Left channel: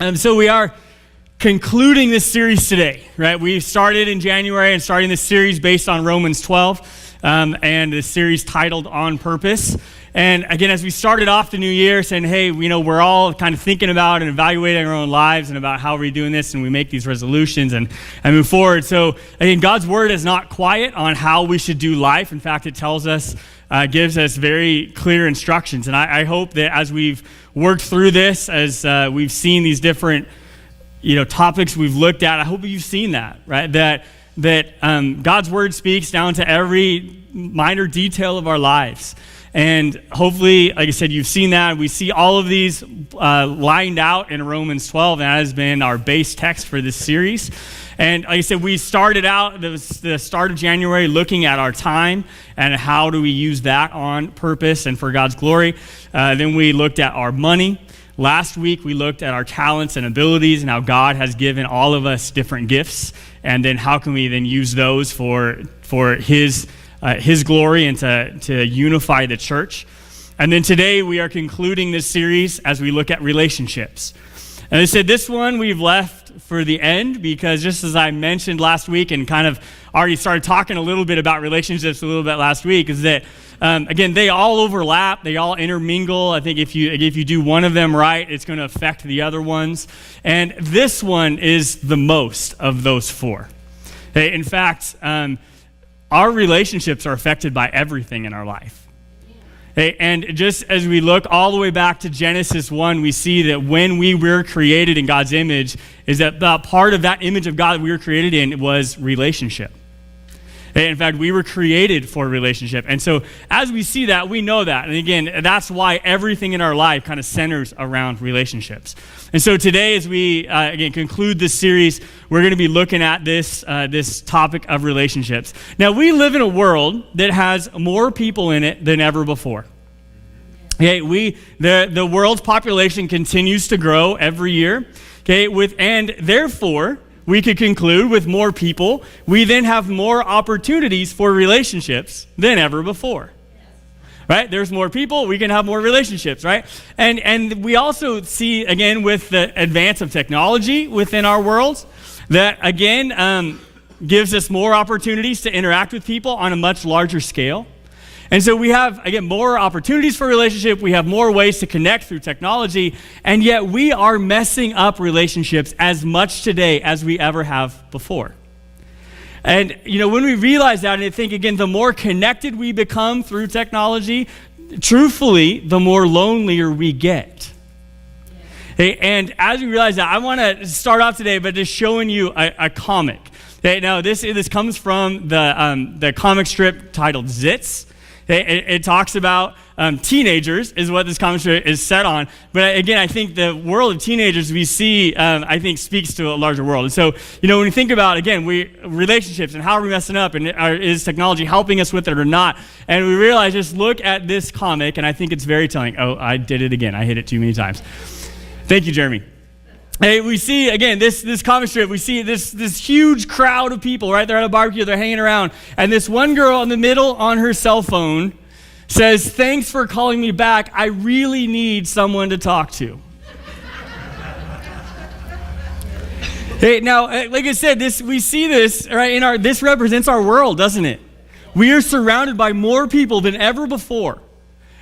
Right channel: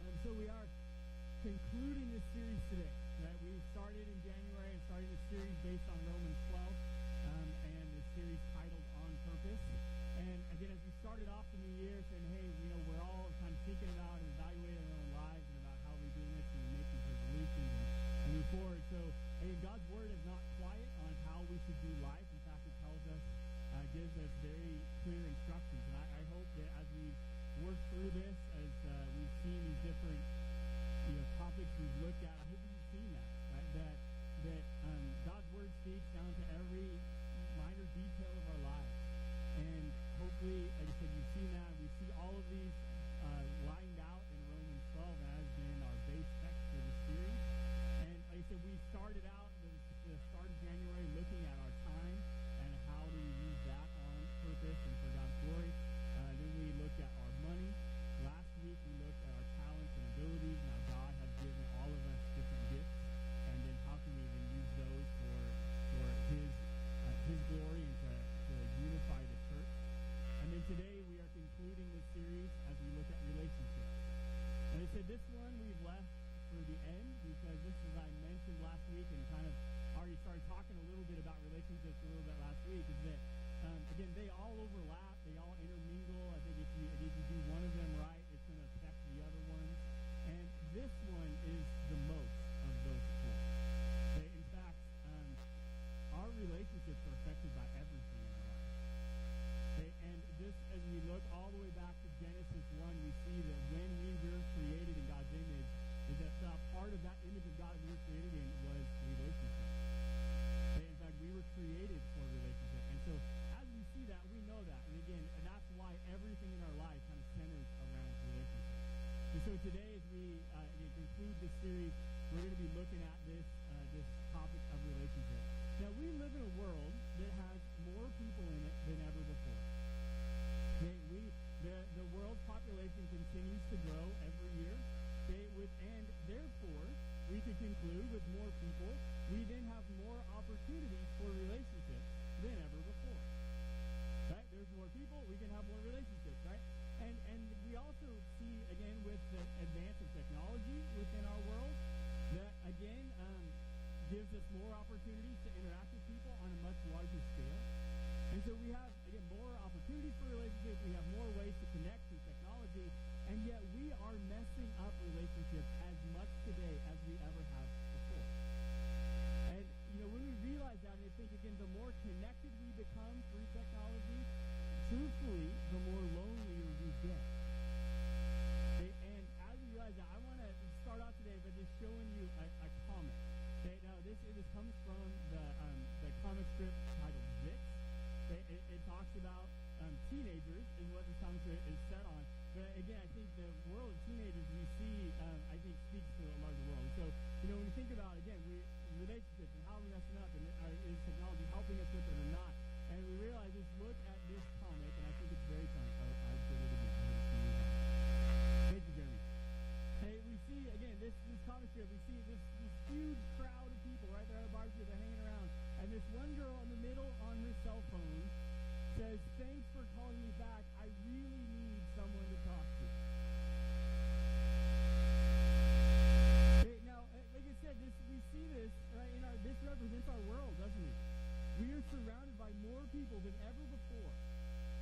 So we are concluding this series today, right? We started in January and starting this series based on Romans 12, and this series titled On Purpose. And again, as we started off the new year saying, hey, we're all kind of thinking about and evaluating our own lives and about how we're doing this, and we make these resolutions and move forward. So again, God's word is not quiet on how we should do life. In fact, it tells us, gives us very clear instructions. And I hope that as we've worked through this, as we've seen these different topics we've looked at, I hope you've seen that, right? That God's word speaks down to every minor detail of our lives. And hopefully, like I said, you've seen that. We see all of these lined out in Romans 12, and that has been our base text for this series. And like I said, we started out, it was the start of January, looking at our time and how do we use that on purpose and for God's glory. Then we looked at our money. Last week, we looked at our talents and abilities and how God has given all of us different gifts. And then how can we then use those for His glory and to unify the church. And then today we are concluding this series as we look at relationships. And I said this one we've left for the end because just as I mentioned last week and kind of already started talking a little bit about relationships a little bit last week, is that again, they all overlap, they all intermingle. I think if you do one of them right, it's going to affect the other ones. And this one is the most of those four. In fact, our relationships are affected by everything in our life. And just as we look all the way back to Genesis 1, we see that when we were created in God's image, is that the part of that image of God that we were created in was relationship. In fact, we were created for a relationship. And so as we see that, we know that. And again, that's why everything in our life kind of centers around relationships. And so today, as we, again, conclude this series, we're going to be looking at this topic of relationships. Now, we live in a world that has more people in it than ever before. Okay, the world's population continues to grow every year. Okay, and therefore, we could conclude with more people, we then have more opportunities for relationships than ever before. Right? There's more people, we can have more relationships, right? And we also see, again, with the advance of technology within our world, that, again, gives us more opportunities to interact with people on a much larger scale. And so we have, again, more opportunities for relationship, we have more ways to connect through technology, and yet we are messing up relationships as much today as we ever have before. And, when we realize that, and I think, again, the more connected we become through technology, truthfully, the more lonelier we get. Hey, and as we realize that, I want to start off today by just showing you a comic. Okay, now, this comes from the comic strip titled Zits. It talks about teenagers is what this comic strip is set on. But again, I think the world of teenagers we see, I think, speaks to a larger world. And so, when we think about, again, relationships and how are we messing up and is technology helping us with it or not? And we realize, just look at this comic, and I think it's very telling. Oh, I did it again. I hit it too many times. Thank you, Jeremy. Hey, we see, again, this comic strip, we see this huge crowd of people, right? They're at a barbecue, they're hanging around. And this one girl in the middle on her cell phone says, "Thanks for calling me back. I really need someone to talk to." Hey, now, like I said, we see this, right, this represents our world, doesn't it? We are surrounded by more people than ever before.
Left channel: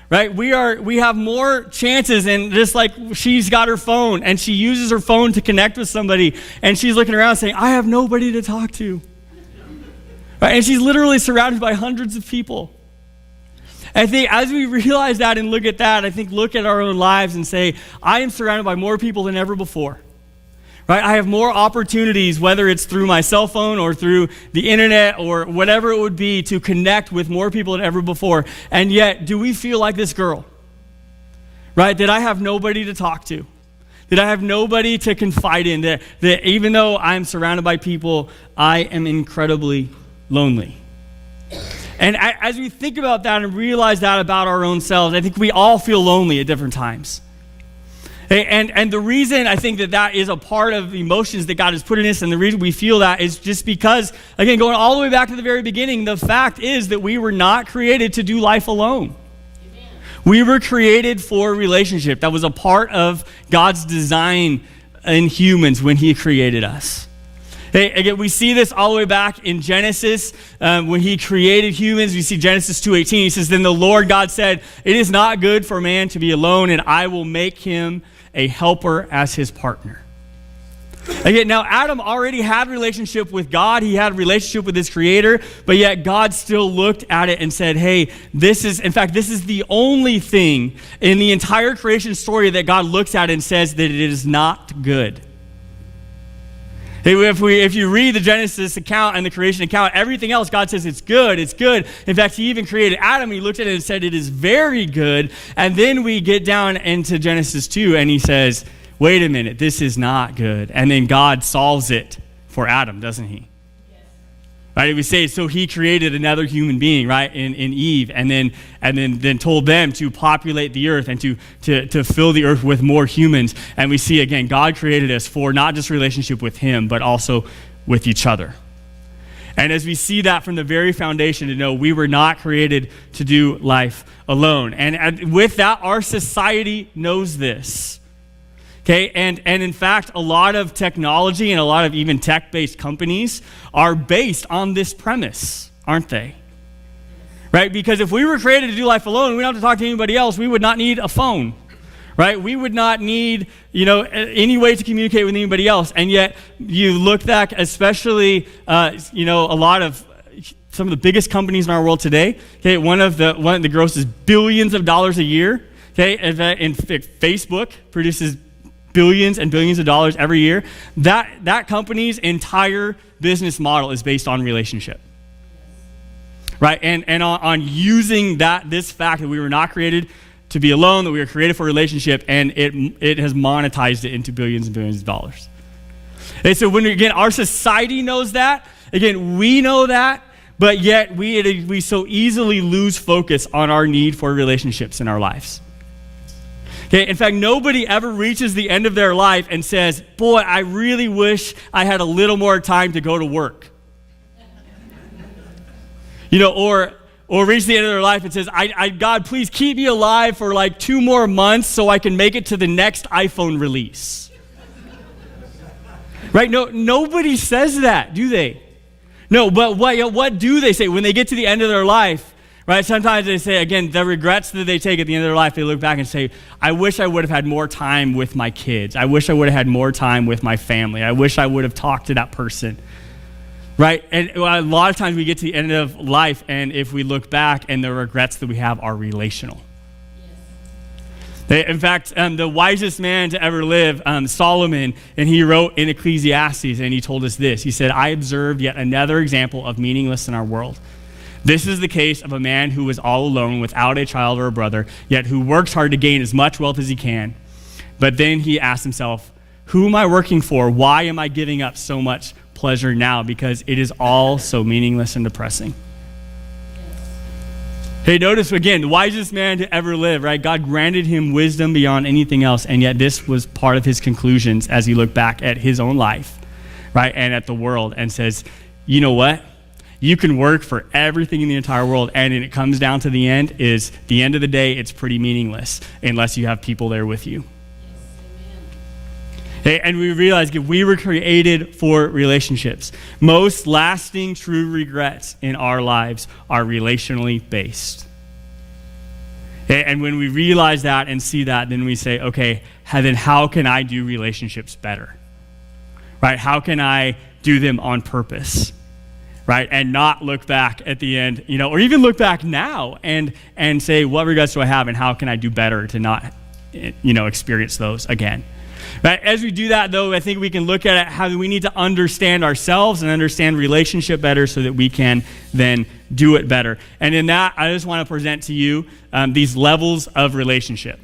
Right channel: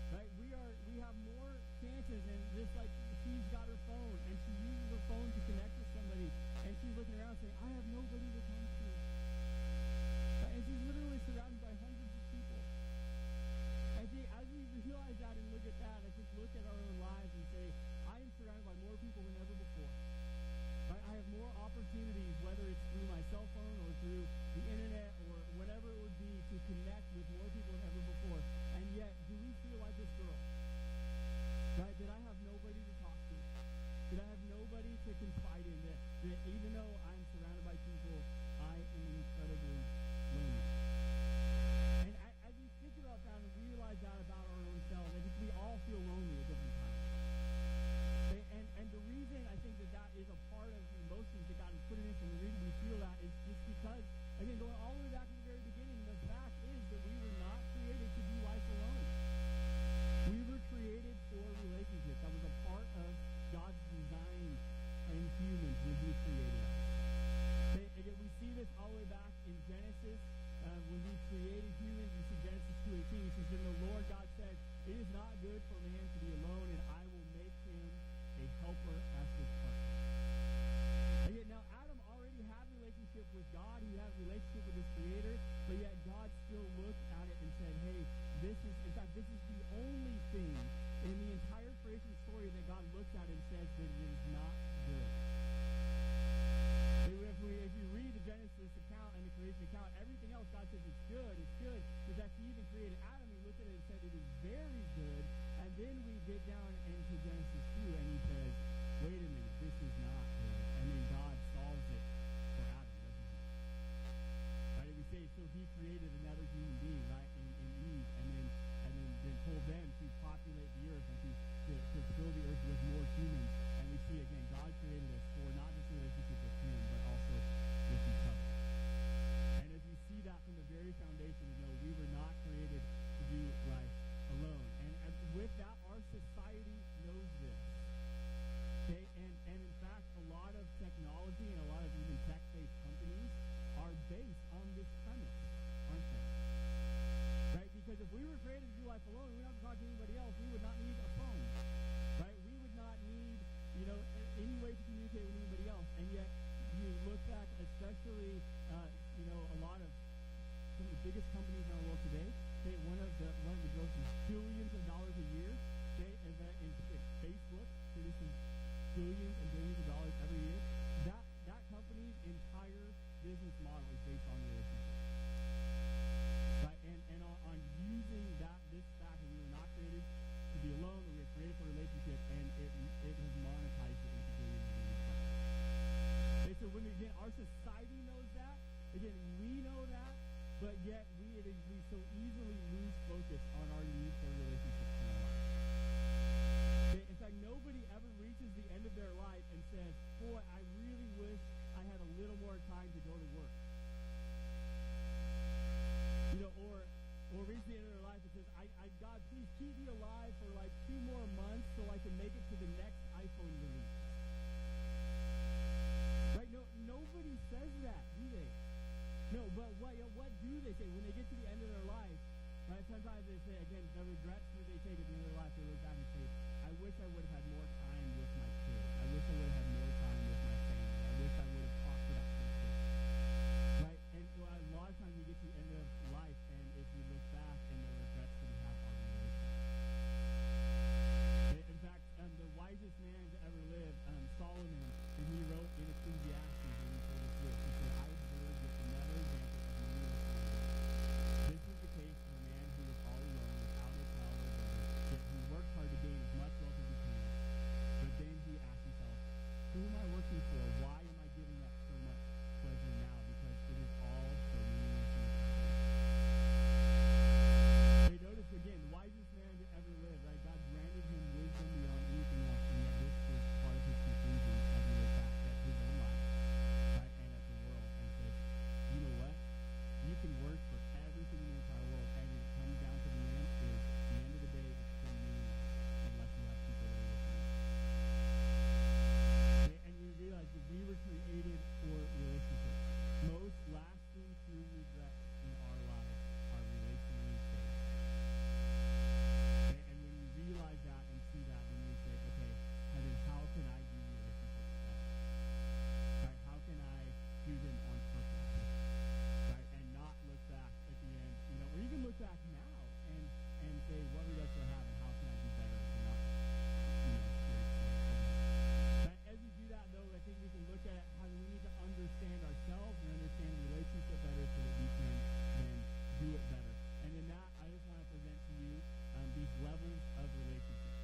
Right? We have more chances, and just like she's got her phone and she uses her phone to connect with somebody, and she's looking around saying, "I have nobody to talk to." Right? And she's literally surrounded by hundreds of people. And I think as we realize that and look at that, I think look at our own lives and say, I am surrounded by more people than ever before. Right? I have more opportunities, whether it's through my cell phone or through the internet or whatever it would be, to connect with more people than ever before. And yet, do we feel like this girl? Right? That I have nobody to talk to? That I have nobody to confide in? That even though I'm surrounded by people, I am incredibly lonely? And as we think about that and realize that about our own selves, I think we all feel lonely at different times. And the reason I think that is a part of the emotions that God has put in us, and the reason we feel that is just because, again, going all the way back to the very beginning, the fact is that we were not created to do life alone. We were created for a relationship. That was a part of God's design in humans when he created us. Hey, again, we see this all the way back in Genesis when he created humans. We see Genesis 2:18. He says, then the Lord God said, it is not good for man to be alone, and I will make him a helper as his partner. Again, now Adam already had a relationship with God. He had a relationship with his creator, but yet God still looked at it and said, hey, this is the only thing in the entire creation story that God looks at and says that it is not good. If you read the Genesis account and the creation account, everything else, God says it's good, it's good. In fact, he even created Adam. He looked at it and said it is very good. And then we get down into Genesis 2 and he says, wait a minute, this is not good. And then God solves it for Adam, doesn't he? Right? We say, so he created another human being, right, in Eve, and then told them to populate the earth and to fill the earth with more humans. And we see, again, God created us for not just relationship with him, but also with each other. And as we see that from the very foundation to know we were not created to do life alone. And with that, our society knows this. Okay, and in fact, a lot of technology and a lot of even tech-based companies are based on this premise, aren't they? Right? Because if we were created to do life alone, we don't have to talk to anybody else, we would not need a phone, right? We would not need, any way to communicate with anybody else. And yet, you look back, especially, a lot of some of the biggest companies in our world today. Okay, one of the grosses billions of dollars a year. Okay, in Facebook produces billions and billions of dollars every year. That company's entire business model is based on relationship, right? And on using this fact that we were not created to be alone, that we were created for relationship, and it has monetized it into billions and billions of dollars. And so when, again, our society knows that, again, we know that, but yet we so easily lose focus on our need for relationships in our lives. Okay, in fact, nobody ever reaches the end of their life and says, boy, I really wish I had a little more time to go to work. Or reach the end of their life and says, God, please keep me alive for like 2 more months so I can make it to the next iPhone release. Right? No, nobody says that, do they? No, but what do they say when they get to the end of their life? Right? Sometimes they say, again, the regrets that they take at the end of their life, they look back and say, I wish I would have had more time with my kids. I wish I would have had more time with my family. I wish I would have talked to that person. Right? And a lot of times we get to the end of life, and if we look back, and the regrets that we have are relational. In fact, the wisest man to ever live, Solomon, and he wrote in Ecclesiastes, and he told us this. He said, I observed yet another example of meaningless in our world. This is the case of a man who is all alone without a child or a brother, yet who works hard to gain as much wealth as he can. But then he asks himself, who am I working for? Why am I giving up so much pleasure now? Because it is all so meaningless and depressing. Hey, notice again, the wisest man to ever live, right? God granted him wisdom beyond anything else, and yet this was part of his conclusions as he looked back at his own life, right? And at the world, and says, you know what? You can work for everything in the entire world, and it comes down to the end of the day, it's pretty meaningless unless you have people there with you. Hey, and we realize that we were created for relationships. Most lasting true regrets in our lives are relationally based. Okay, and when we realize that and see that, then we say, okay, then how can I do relationships better? Right? How can I do them on purpose? Right, and not look back at the end, or even look back now and say, what regrets do I have, and how can I do better to not, experience those again? But as we do that, though, I think we can look at it how we need to understand ourselves and understand relationship better so that we can then do it better. And in that, I just want to present to you these levels of relationship.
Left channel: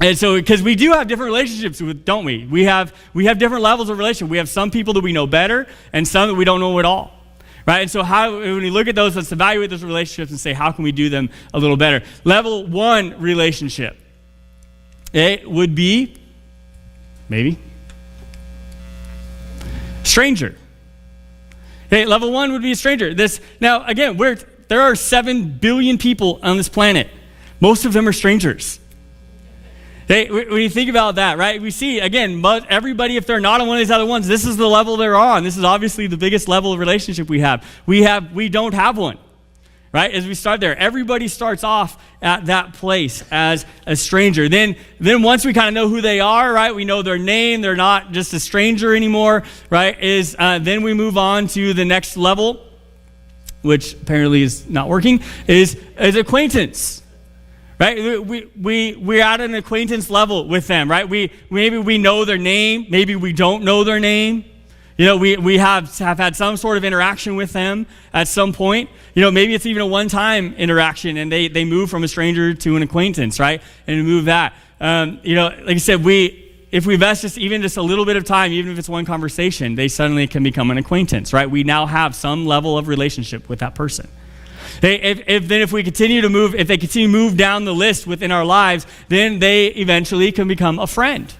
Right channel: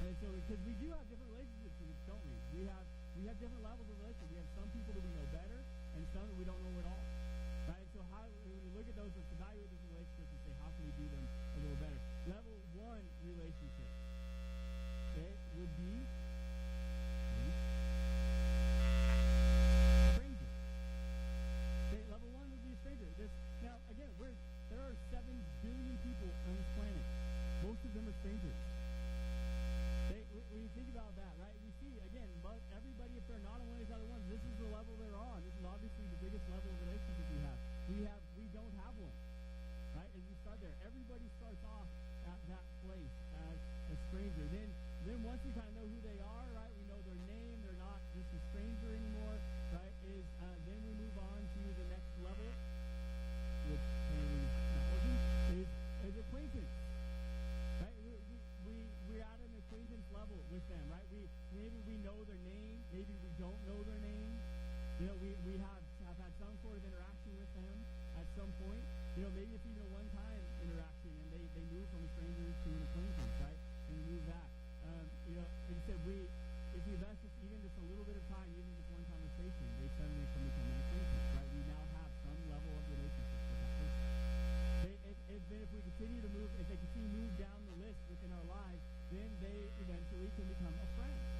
And so, because we do have different relationships, don't we? We have different levels of relationship. We have some people that we know better and some that we don't know at all. Right? And so when we look at those, let's evaluate those relationships and say, how can we do them a little better? Level 1 relationship. It would be, maybe, stranger. Okay, level 1 would be a stranger. Now, again, there are 7 billion people on this planet. Most of them are strangers. When you think about that, right, we see, again, everybody, if they're not on one of these other ones, this is the level they're on. This is obviously the biggest level of relationship we have. We don't have one, right? As we start there, everybody starts off at that place as a stranger. Then once we kind of know who they are, right, we know their name, they're not just a stranger anymore, right, then we move on to the next level, which apparently is not working, is acquaintance. Right, we're at an acquaintance level with them, right? Maybe we know their name, maybe we don't know their name. We have had some sort of interaction with them at some point. Maybe it's even a one-time interaction, and they move from a stranger to an acquaintance, right? And move that. Like I said, if we invest just a little bit of time, even if it's one conversation, they suddenly can become an acquaintance, right? We now have some level of relationship with that person. If they continue to move down the list within our lives, then they eventually can become a friend.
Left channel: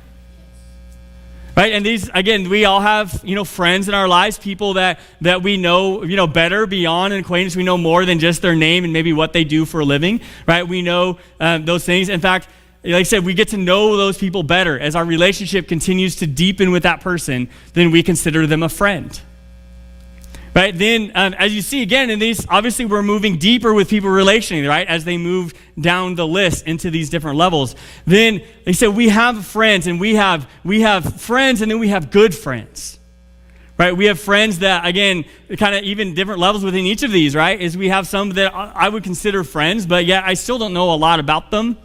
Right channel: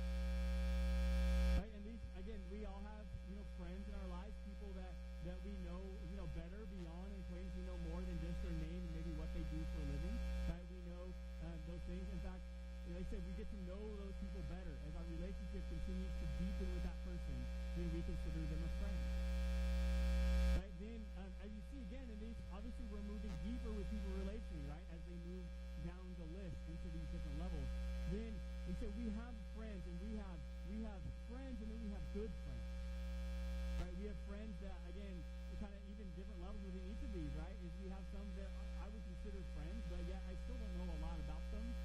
Right? And these, again, we all have, friends in our lives, people that we know, better beyond an acquaintance. We know more than just their name and maybe what they do for a living, right? We know those things. In fact, like I said, we get to know those people better. As our relationship continues to deepen with that person, then we consider them a friend. Right, then as you see again in these, obviously we're moving deeper with people relationally, right? As they move down the list into these different levels. Then they said we have friends, and we have friends, and then we have good friends. Right? We have friends that, again, kind of even different levels within each of these, right? Is we have some that I would consider friends, but yet I still don't know a lot about them.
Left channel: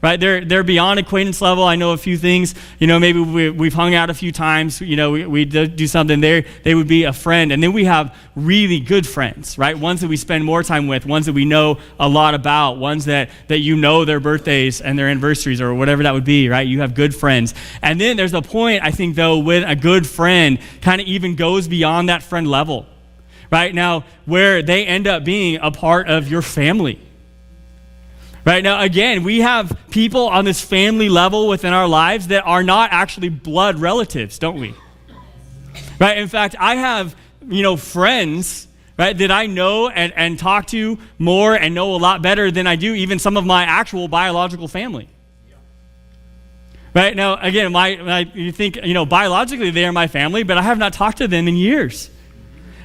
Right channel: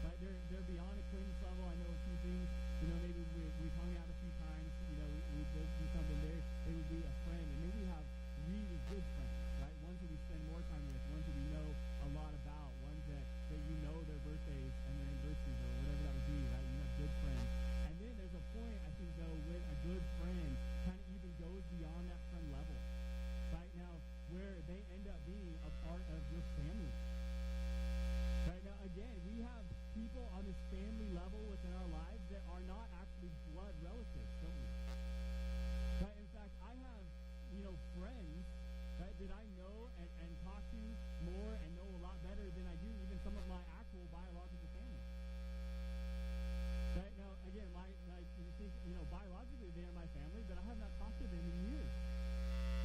Right, they're beyond acquaintance level. I know a few things. Maybe we've hung out a few times. We do something there. They would be a friend, and then we have really good friends, right? Ones that we spend more time with, ones that we know a lot about, ones that their birthdays and their anniversaries or whatever that would be, right? You have good friends, and then there's a point I think though when a good friend kind of even goes beyond that friend level, right? Now where they end up being a part of your family. Right now, again, we have people on this family level within our lives that are not actually blood relatives, don't we? Right. In fact, I have, friends, right, that I know and talk to more and know a lot better than I do even some of my actual biological family. Right now, again, you think, biologically they are my family, but I have not talked to them in years.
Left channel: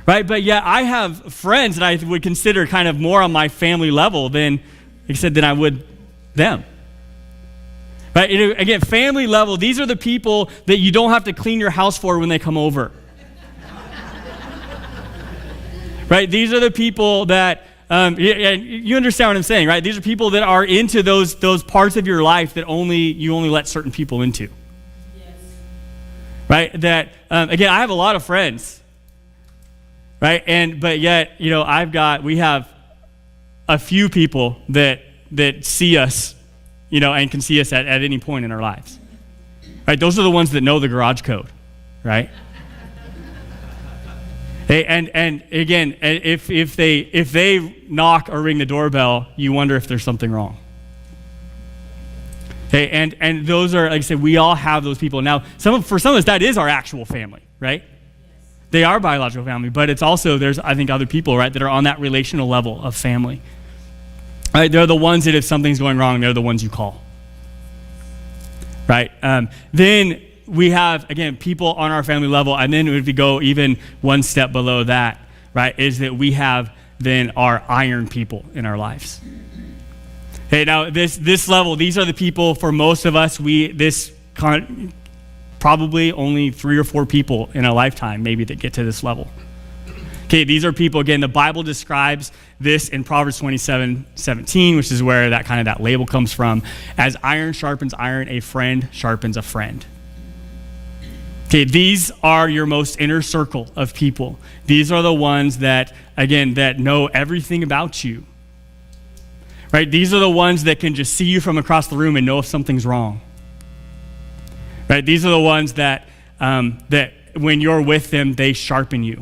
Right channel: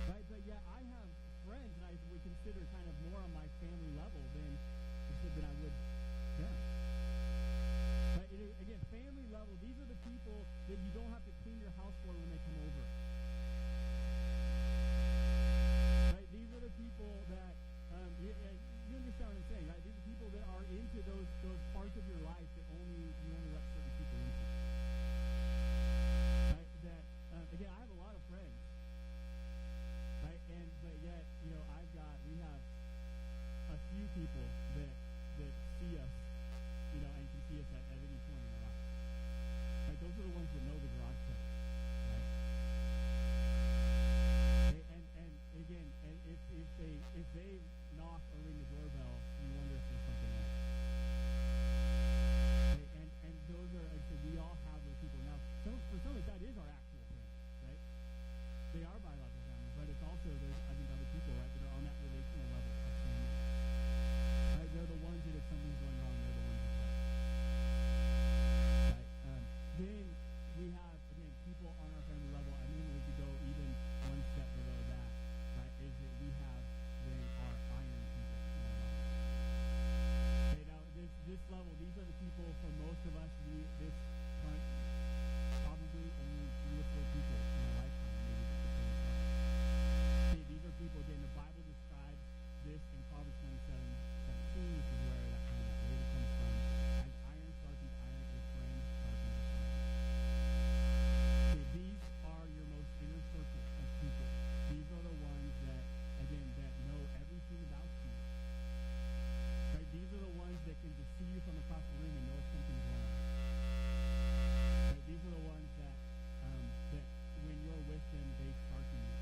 Right. But yet I have friends that I would consider kind of more on my family level than I would them. Right? Again, family level, these are the people that you don't have to clean your house for when they come over. Right? These are the people that, you understand what I'm saying, right? These are people that are into those parts of your life that you only let certain people into. Yes. Right? That, again, I have a lot of friends. Right? But yet, we have a few people that see us, and can see us at any point in our lives. Right? Those are the ones that know the garage code, right? And again, if they knock or ring the doorbell, you wonder if there's something wrong. Okay, and those are, like I said, we all have those people. Now, for some of us, that is our actual family, right? They are biological family, but it's also, there's, I think, other people, right, that are on that relational level of family. Right, they're the ones that if something's going wrong, they're the ones you call. Right? Then we have, again, people on our family level, and then if we go even one step below that, right, is that we have then our iron people in our lives. Okay, now this level, these are the people, for most of us, probably only 3 or 4 people in a lifetime maybe that get to this level. Okay, these are people, again, the Bible describes this in Proverbs 27:17, which is where that label comes from. As iron sharpens iron, a friend sharpens a friend. Okay, these are your most inner circle of people. These are the ones that, again, that know everything about you. Right? These are the ones that can just see you from across the room and know if something's wrong. Right? These are the ones that when you're with them, they sharpen you.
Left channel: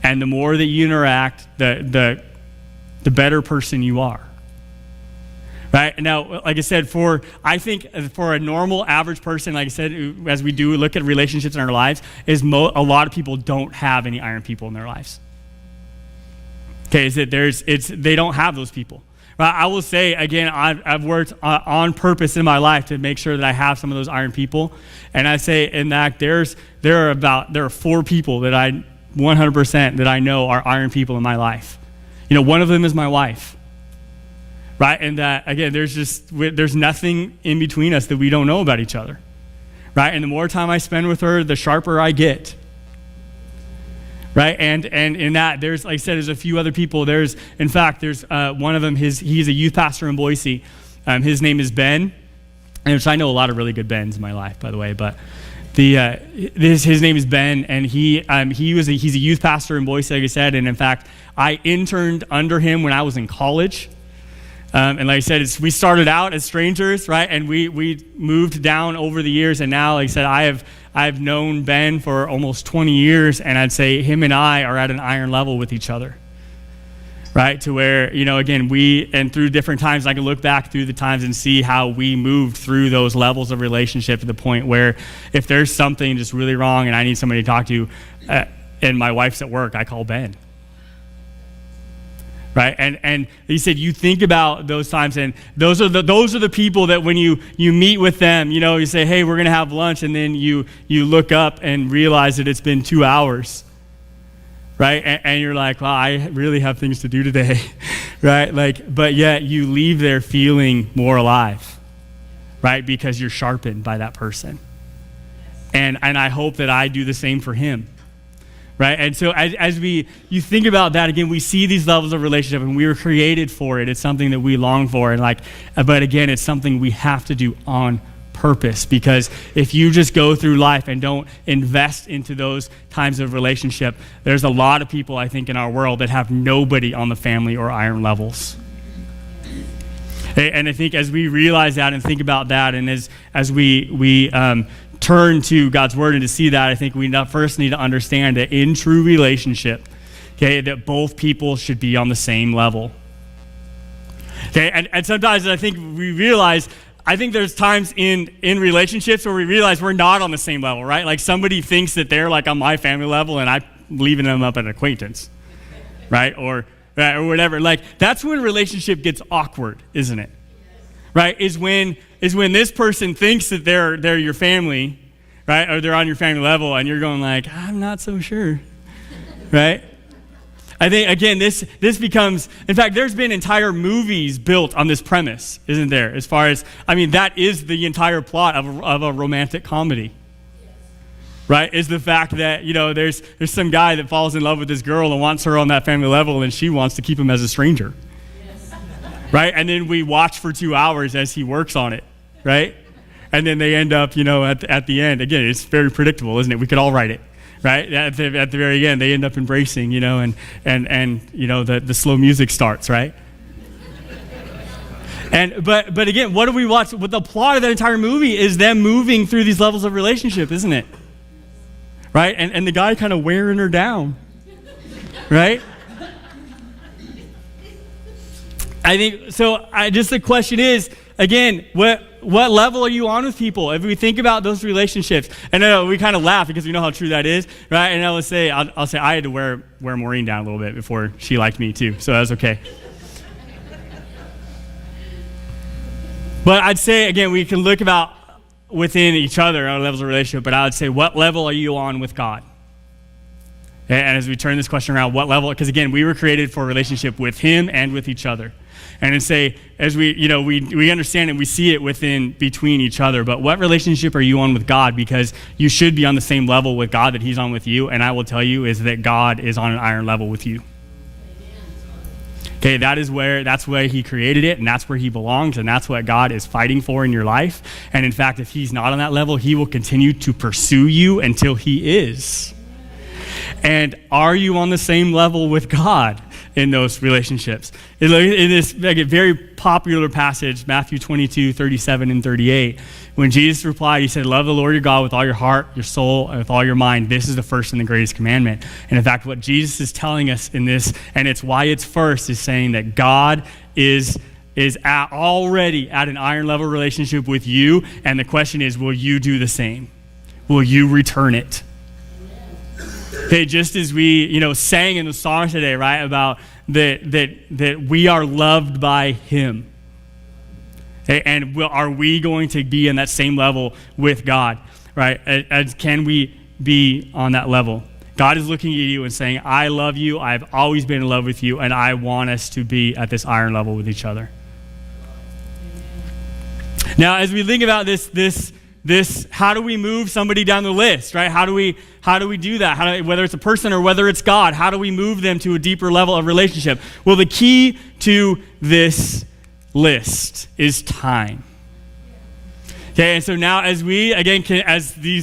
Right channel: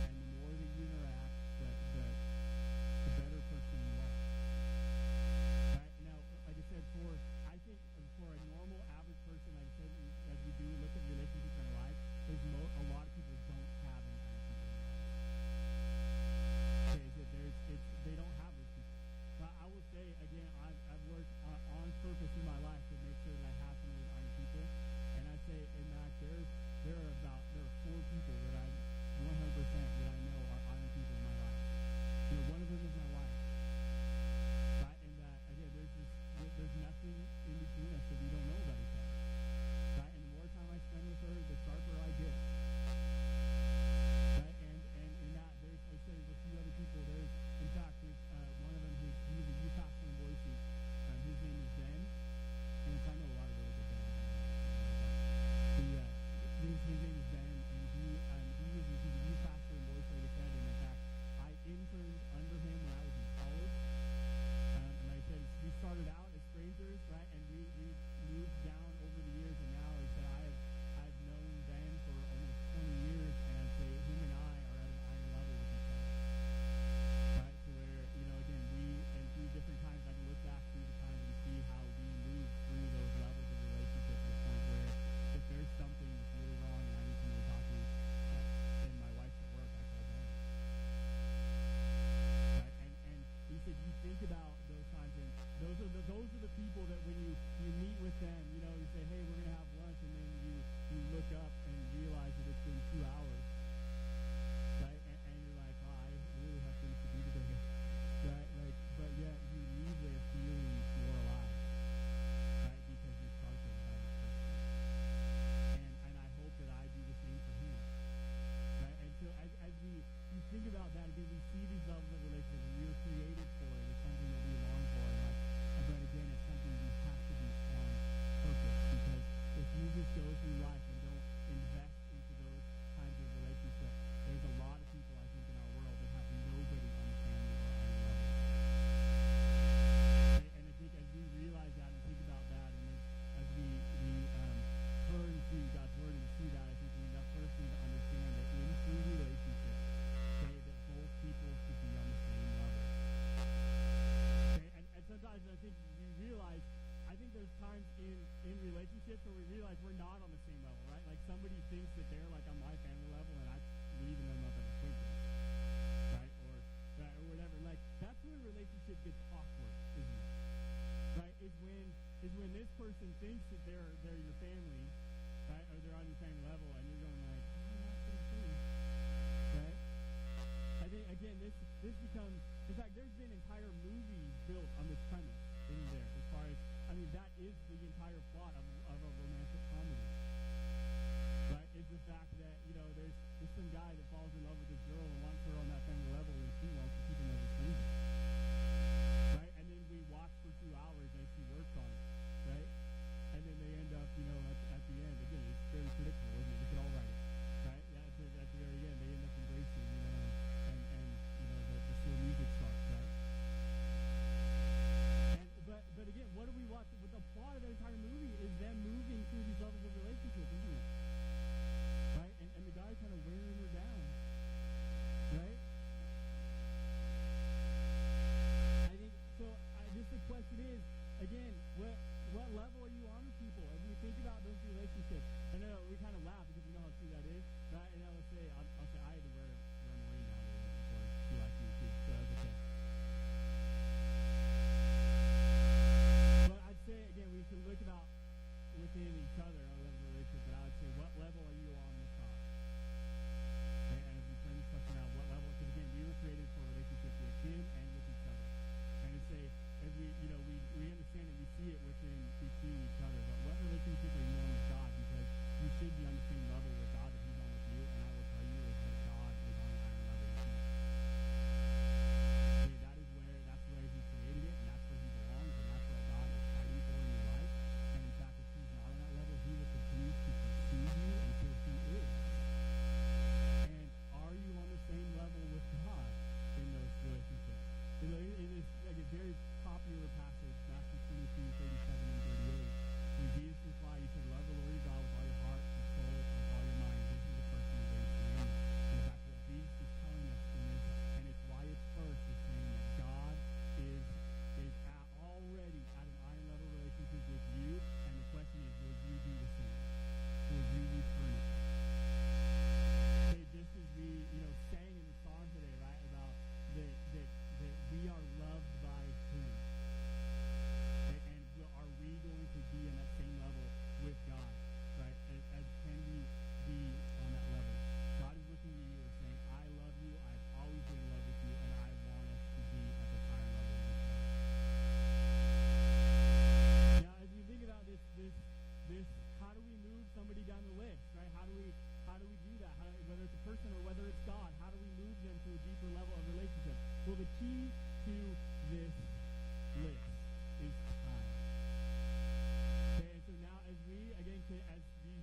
And the more that you interact, the better person you are. Right? Now, like I said, I think for a normal average person, like I said, as we do look at relationships in our lives, a lot of people don't have any iron people in their lives. Okay, they don't have those people. But I will say, again, I've worked on purpose in my life to make sure that I have some of those iron people. And I say in that there are 4 people that I 100% that I know are iron people in my life. One of them is my wife. Right? And that, again, there's nothing in between us that we don't know about each other. Right? And the more time I spend with her, the sharper I get. Right? And in that, there's, like I said, there's a few other people. There's one of them, he's a youth pastor in Boise. His name is Ben. And I know a lot of really good Bens in my life, by the way, but his name is Ben, and he's a youth pastor in Boise, like I said, and in fact, I interned under him when I was in college. And like I said, we started out as strangers, right? And we moved down over the years, and now, like I said, I've known Ben for almost 20 years, and I'd say him and I are at an iron level with each other, right? To where, again, through different times, I can look back through the times and see how we moved through those levels of relationship to the point where if there's something just really wrong and I need somebody to talk to, and my wife's at work, I call Ben. Right, and he said you think about those times, and those are the people that when you meet with them, you say, hey, we're gonna have lunch, and then you look up and realize that it's been 2 hours, right? And you're like, well, I really have things to do today, right? But yet you leave there feeling more alive, right? Because you're sharpened by that person, and I hope that I do the same for him. Right, and so as you think about that, again, we see these levels of relationship, and we were created for it. It's something that we long for, but again, it's something we have to do on purpose, because if you just go through life and don't invest into those times of relationship, there's a lot of people, I think, in our world that have nobody on the family or iron levels. And I think as we realize that and think about that, and as we turn to God's word and to see that, I think we first need to understand that in true relationship, okay, that both people should be on the same level. Okay, and sometimes I think there's times in relationships where we realize we're not on the same level, right? Like somebody thinks that they're like on my family level and I'm leaving them up at an acquaintance, right? Or whatever. Like that's when relationship gets awkward, isn't it? Right? Is when this person thinks that they're your family, right? Or they're on your family level, and you're going like, I'm not so sure, right? I think, again, this becomes, in fact, there's been entire movies built on this premise, isn't there? As far as, that is the entire plot of a romantic comedy, right? Is the fact that, there's some guy that falls in love with this girl and wants her on that family level, and she wants to keep him as a stranger. Right? And then we watch for 2 hours as he works on it, right? And then they end up, at the end, again, it's very predictable, isn't it? We could all write it, right? At the very end, they end up embracing, and the slow music starts, right? But again, what do we watch? What the plot of that entire movie is them moving through these levels of relationship, isn't it? Right? And the guy kind of wearing her down, right? I think so. The question is, again, what level are you on with people? If we think about those relationships, and I know we kind of laugh because we know how true that is, right? And I'll say I had to wear Maureen down a little bit before she liked me too, so that was okay. But I'd say again, we can look about within each other our levels of relationship. But I would say, what level are you on with God? And as we turn this question around, what level? Because again, we were created for a relationship with Him and with each other. And to say, as we understand and we see it between each other, but what relationship are you on with God? Because you should be on the same level with God that He's on with you. And I will tell you is that God is on an iron level with you. Okay, that's where He created it, and that's where He belongs, and that's what God is fighting for in your life. And in fact, if He's not on that level, He will continue to pursue you until He is. And are you on the same level with God in those relationships? In this a very popular passage, Matthew 22, 37 and 38, when Jesus replied, He said, love the Lord your God with all your heart, your soul, and with all your mind. This is the first and the greatest commandment. And in fact, what Jesus is telling us in this, and it's why it's first, is saying that God is already at an iron level relationship with you. And the question is, will you do the same? Will you return it? Okay, just as we, sang in the song today, right, about that we are loved by him. Okay? And are we going to be in that same level with God, right? Can we be on that level? God is looking at you and saying, I love you, I've always been in love with you, and I want us to be at this iron level with each other. Now, as we think about this, how do we move somebody down the list, right? How do we do that? Whether it's a person or whether it's God, how do we move them to a deeper level of relationship? Well, the key to this list is time. Okay, and so now as we, again,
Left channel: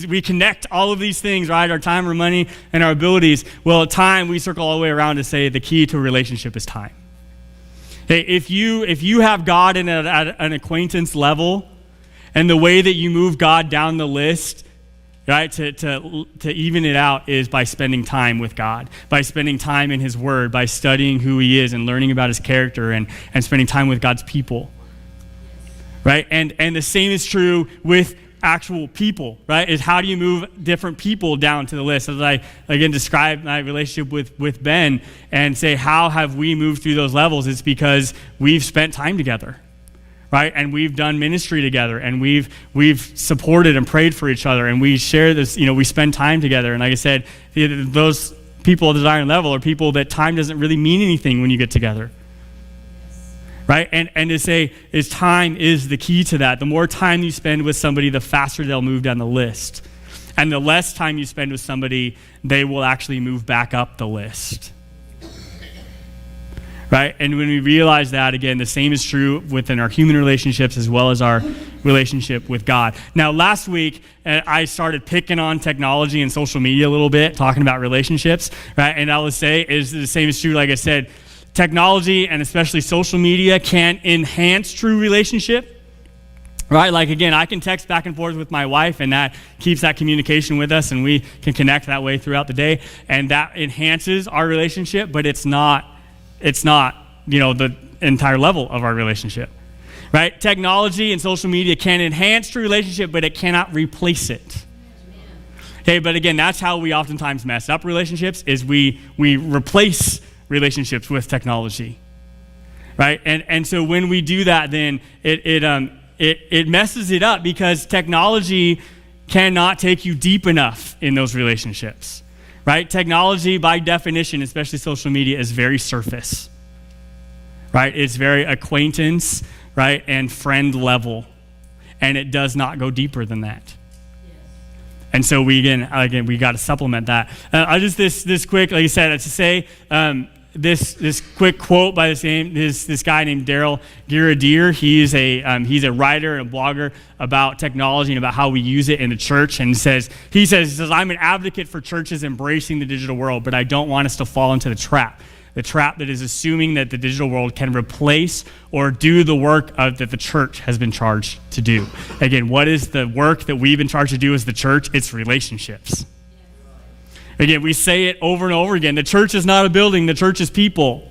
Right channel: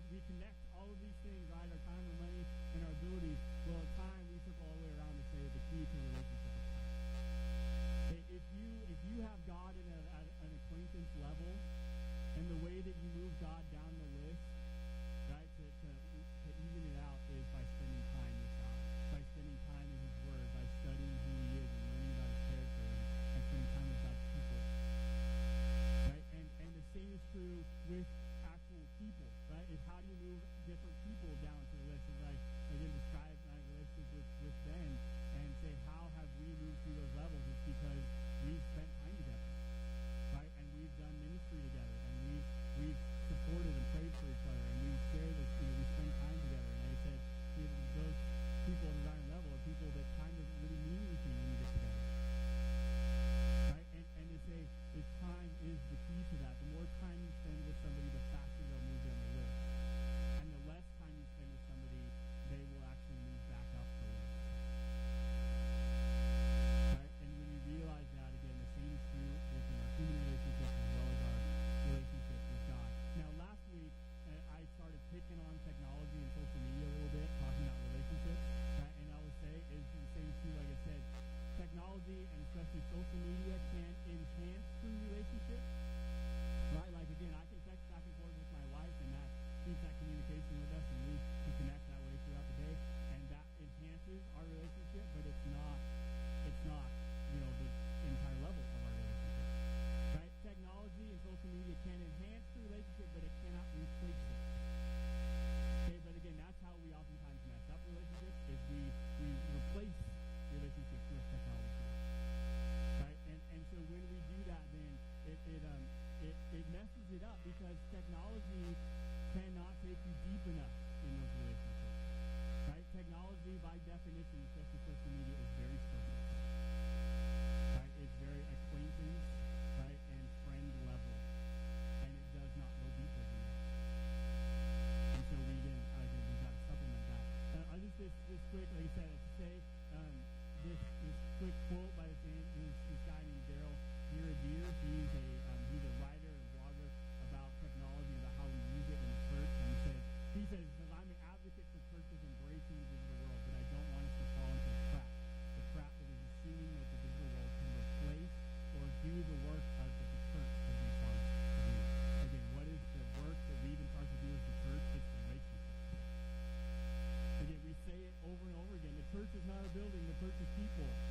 we connect all of these things, right, our time, our money, and our abilities, well, time, we circle all the way around to say the key to a relationship is time. Okay, if you have God at an acquaintance level, and the way that you move God down the list, right, to even it out is by spending time with God, by spending time in his word, by studying who he is and learning about his character and spending time with God's people. Right? And the same is true with actual people, right? Is how do you move different people down to the list? As I, again, describe my relationship with Ben and say, how have we moved through those levels? It's because we've spent time together, right? And we've done ministry together, and we've supported and prayed for each other, and we share this, we spend time together. And like I said, those people at the iron level are people that time doesn't really mean anything when you get together. Right? And to say is time is the key to that. The more time you spend with somebody, the faster they'll move down the list. And the less time you spend with somebody, they will actually move back up the list. Right? And when we realize that, again, the same is true within our human relationships as well as our relationship with God. Now, last week, I started picking on technology and social media a little bit, talking about relationships, right? And I will say is the same is true, like I said, technology and especially social media can enhance true relationship, right? Like, again, I can text back and forth with my wife, and that keeps that communication with us, and we can connect that way throughout the day, and that enhances our relationship, but it's not the entire level of our relationship, right? Technology and social media can enhance true relationship, but it cannot replace it. Okay, but again, that's how we oftentimes mess up relationships, is we replace relationships with technology, right? And so when we do that, then it messes it up, because technology cannot take you deep enough in those relationships, right? Technology, by definition, especially social media, is very surface, right? It's very acquaintance, right, and friend level, and it does not go deeper than that. And so we got to supplement that. I'll just this quick, like I said, to say this quick quote by this guy named Daryl Girardier. He's a writer and a blogger about technology and about how we use it in the church. And he says, I'm an advocate for churches embracing the digital world, but I don't want us to fall into the trap that is assuming that the digital world can replace or do the work that the church has been charged to do. Again, what is the work that we've been charged to do as the church? It's relationships. Again, we say it over and over again. The church is not a building. The church is people.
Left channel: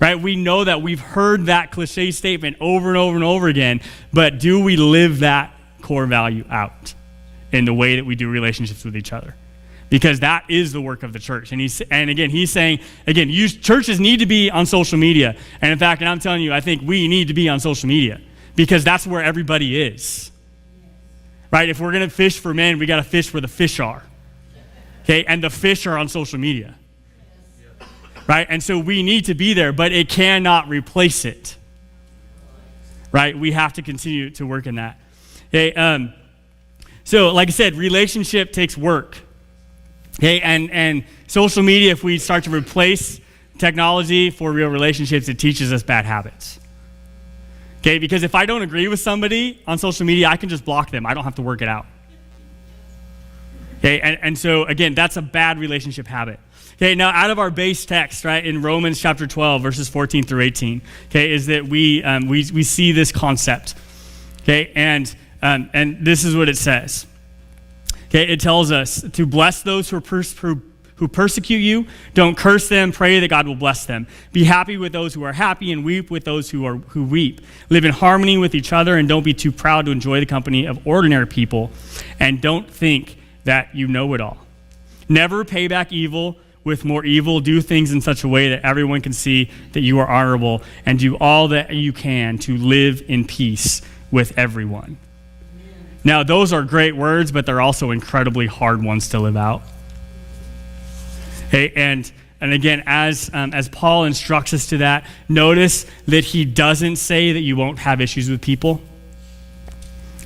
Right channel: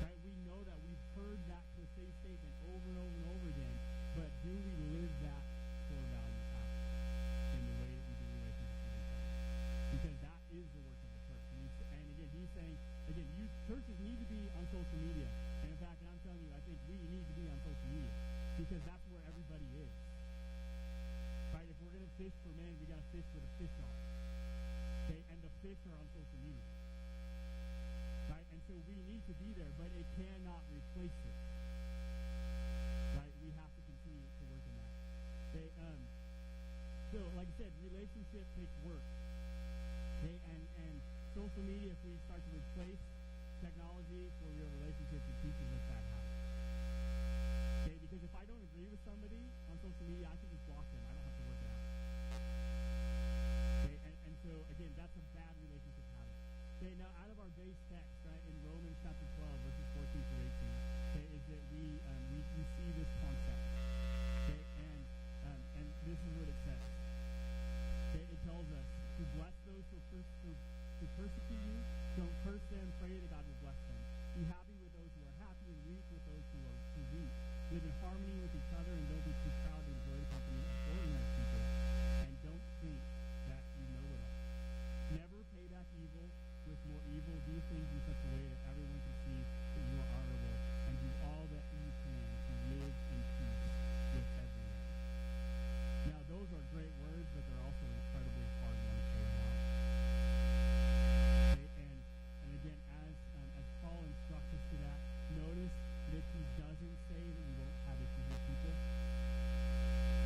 Right? We know that. We've heard that cliche statement over and over and over again. But do we live that core value out in the way that we do relationships with each other? Because that is the work of the church. And he's saying, churches need to be on social media. And in fact, and I'm telling you, I think we need to be on social media, because that's where everybody is. Right? If we're going to fish for men, we got to fish where the fish are. Okay? And the fish are on social media. Right? And so we need to be there, but it cannot replace it. Right? We have to continue to work in that. Okay? So like I said, relationship takes work. Okay, and social media, if we start to replace technology for real relationships, it teaches us bad habits. Okay, because if I don't agree with somebody on social media, I can just block them. I don't have to work it out. Okay, and so again, that's a bad relationship habit. Okay, now out of our base text, right, in Romans chapter 12, verses 14 through 18, okay, is that we see this concept. Okay, and this is what it says. Okay, it tells us to bless those who persecute you. Don't curse them. Pray that God will bless them. Be happy with those who are happy, and weep with those who weep. Live in harmony with each other, and don't be too proud to enjoy the company of ordinary people. And don't think that you know it all. Never pay back evil with more evil. Do things in such a way that everyone can see that you are honorable, and do all that you can to live in peace with everyone. Now, those are great words, but they're also incredibly hard ones to live out. Okay, and again, as Paul instructs us to that, notice that he doesn't say that you won't have issues with people.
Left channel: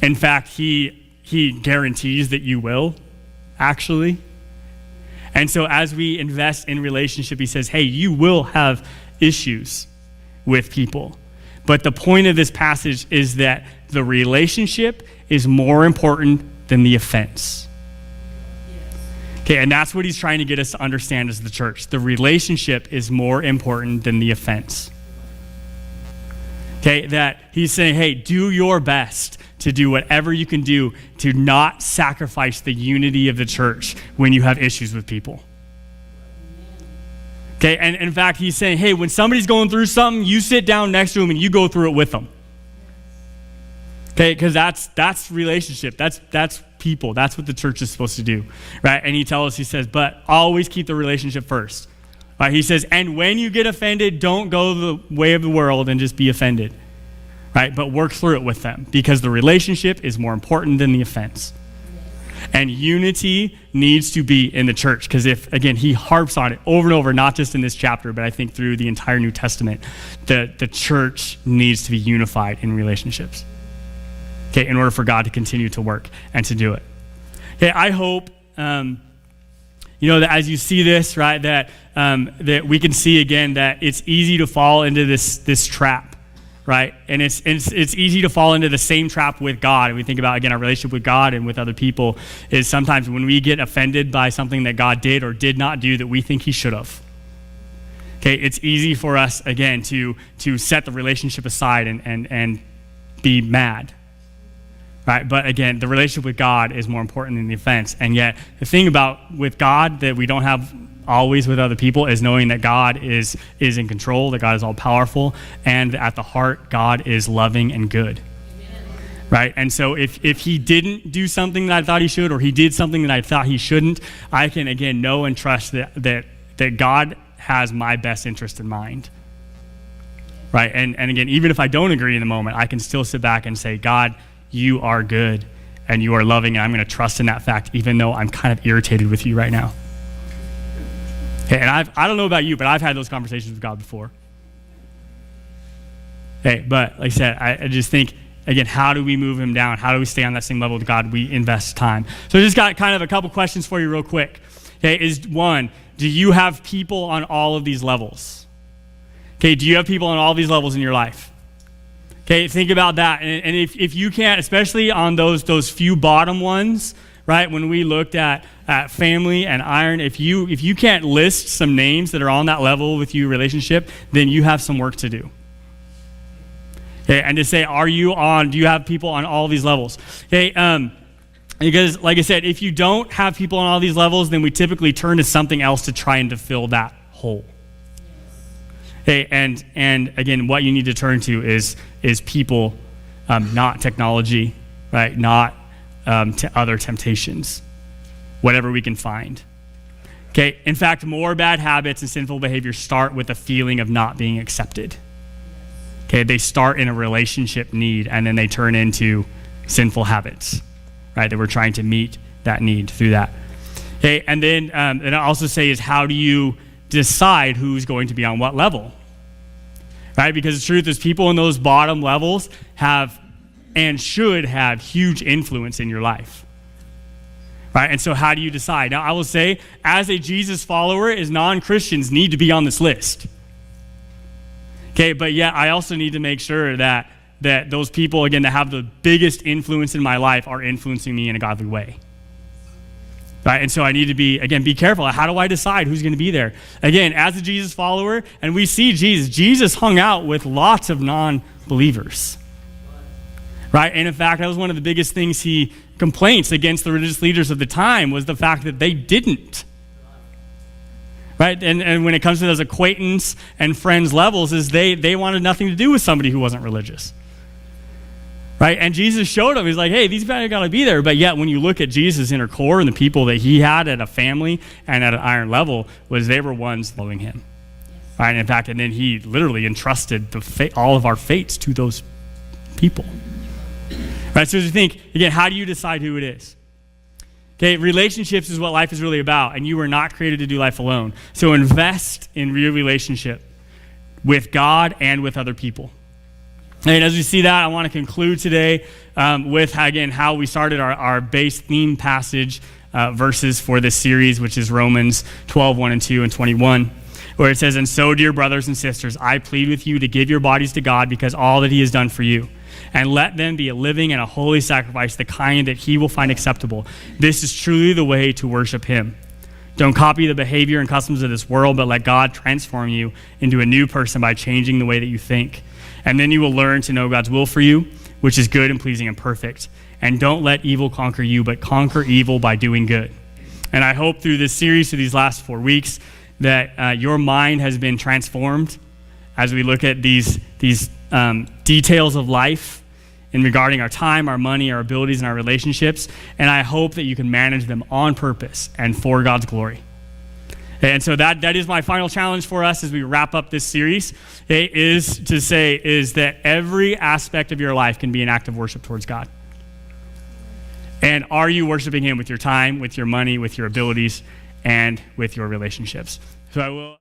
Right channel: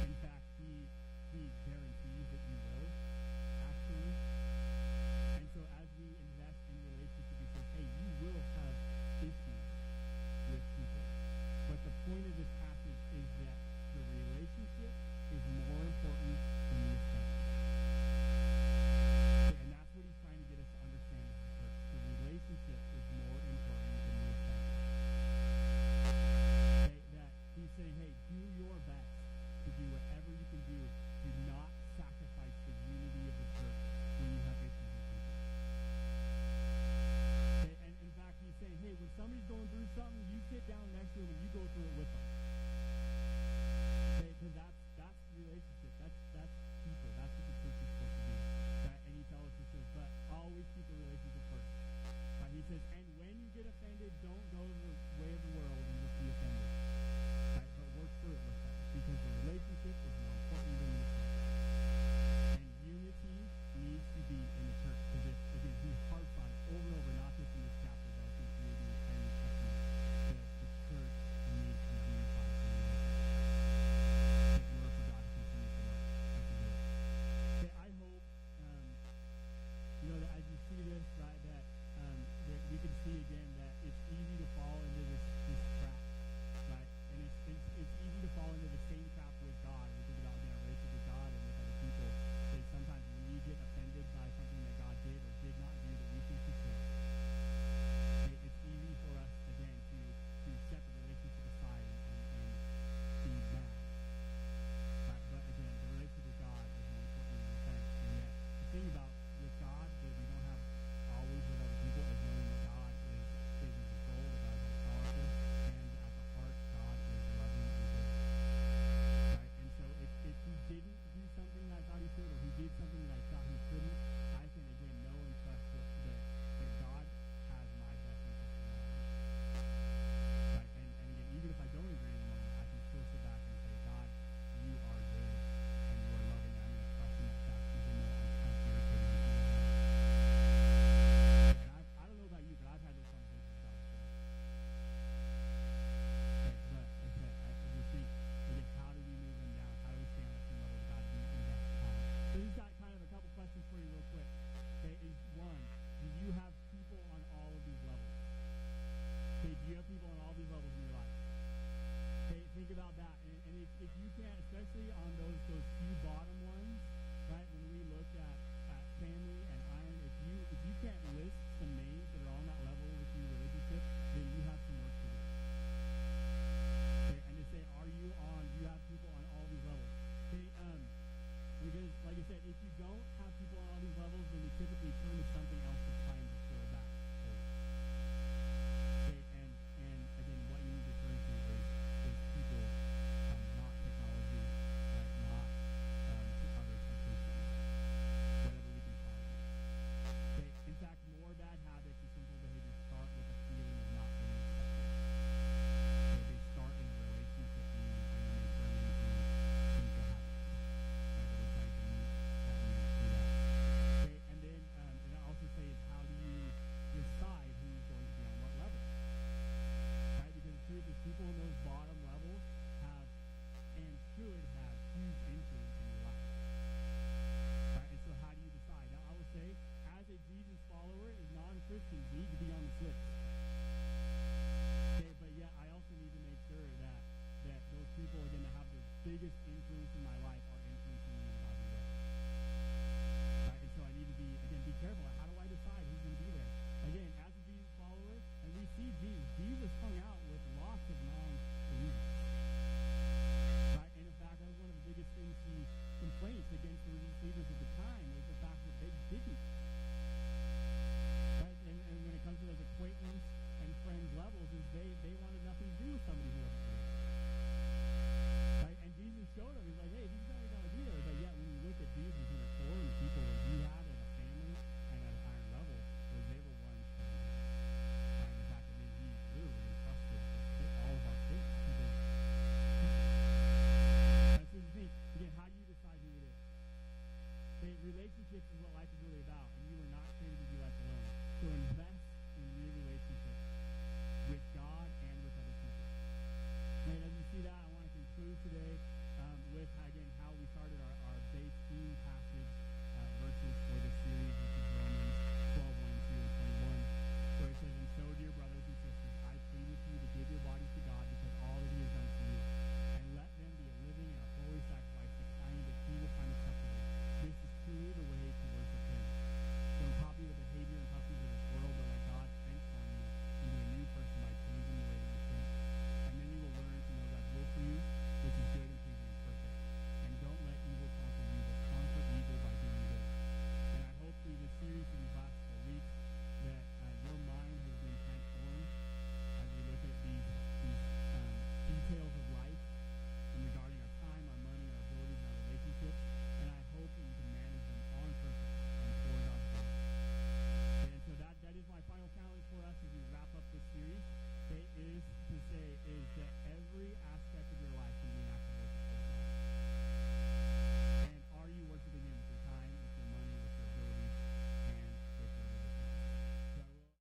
In fact, he guarantees that you will, actually. And so as we invest in relationship, he says, hey, you will have issues with people. But the point of this passage is that the relationship is more important than the offense. Okay, and that's what he's trying to get us to understand as the church. The relationship is more important than the offense. Okay, that he's saying, hey, do your best to do whatever you can do to not sacrifice the unity of the church when you have issues with people. Okay, and in fact, he's saying, hey, when somebody's going through something, you sit down next to them and you go through it with them. Okay, because that's relationship. That's people. That's what the church is supposed to do, right? And he says, but always keep the relationship first. Right? He says, and when you get offended, don't go the way of the world and just be offended, right? But work through it with them, because the relationship is more important than the offense. And unity needs to be in the church, because again, he harps on it over and over, not just in this chapter, but I think through the entire New Testament, that the church needs to be unified in relationships. Okay, in order for God to continue to work and to do it. Okay, I hope, that as you see this, right, that we can see again that it's easy to fall into this trap, right? And it's easy to fall into the same trap with God. And we think about, again, our relationship with God and with other people is sometimes when we get offended by something that God did or did not do that we think he should have. Okay, it's easy for us, again, to set the relationship aside and be mad. Right, but again, the relationship with God is more important than the offense. And yet, the thing about with God that we don't have always with other people is knowing that God is in control, that God is all powerful, and at the heart, God is loving and good. Right, and so if he didn't do something that I thought he should, or he did something that I thought he shouldn't, I can again know and trust that God has my best interest in mind. Right, and again, even if I don't agree in the moment, I can still sit back and say, God, you are good and you are loving, and I'm going to trust in that fact, even though I'm kind of irritated with you right now. Okay, and I don't know about you, but I've had those conversations with God before. Okay, but like I said, I just think, again, how do we move him down? How do we stay on that same level with God? We invest time. So I just got kind of a couple questions for you real quick. Okay, is one, do you have people on all of these levels? Okay, do you have people on all these levels in your life? Okay, think about that. And if you can't, especially on those few bottom ones, right? When we looked at family and iron, if you can't list some names that are on that level with you relationship, then you have some work to do. Okay, and to say, do you have people on all these levels? Okay, because like I said, if you don't have people on all these levels, then we typically turn to something else to try and to fill that hole. Okay, and again, what you need to turn to is people, not technology, right? Not to other temptations, whatever we can find. Okay, in fact, more bad habits and sinful behavior start with a feeling of not being accepted. Okay, they start in a relationship need, and then they turn into sinful habits, right? That we're trying to meet that need through that. Okay, and then and I also say is, how do you decide who's going to be on what level? Right? Because the truth is, people in those bottom levels have and should have huge influence in your life. Right? And so how do you decide? Now, I will say, as a Jesus follower, as non-Christians need to be on this list. Okay, but yet I also need to make sure that those people, again, that have the biggest influence in my life are influencing me in a godly way. Right? And so I need to be careful. How do I decide who's going to be there? Again, as a Jesus follower, and we see Jesus hung out with lots of non-believers. Right? And in fact, that was one of the biggest things complaints against the religious leaders of the time was the fact that they didn't. Right? And when it comes to those acquaintance and friends levels, is they wanted nothing to do with somebody who wasn't religious. right? And Jesus showed him, he's like, hey, these guys got to be there. But yet when you look at Jesus' inner core and the people that he had at a family and at an iron level, was they were ones loving him. Right? And in fact, and then he literally entrusted all of our fates to those people. Right? So as you think, again, how do you decide who it is? Okay, relationships is what life is really about, and you were not created to do life alone. So invest in real relationship with God and with other people. And as we see that, I want to conclude today with, again, how we started our base theme passage verses for this series, which is Romans 12, 1 and 2, and 21, where it says, and so, dear brothers and sisters, I plead with you to give your bodies to God because all that he has done for you. And let them be a living and a holy sacrifice, the kind that he will find acceptable. This is truly the way to worship him. Don't copy the behavior and customs of this world, but let God transform you into a new person by changing the way that you think. And then you will learn to know God's will for you, which is good and pleasing and perfect. And don't let evil conquer you, but conquer evil by doing good. And I hope through this series, through these last 4 weeks, that your mind has been transformed as we look at these details of life in regarding our time, our money, our abilities, and our relationships. And I hope that you can manage them on purpose and for God's glory. And so that is my final challenge for us as we wrap up this series. It is that every aspect of your life can be an act of worship towards God. And are you worshiping him with your time, with your money, with your abilities, and with your relationships? So I will...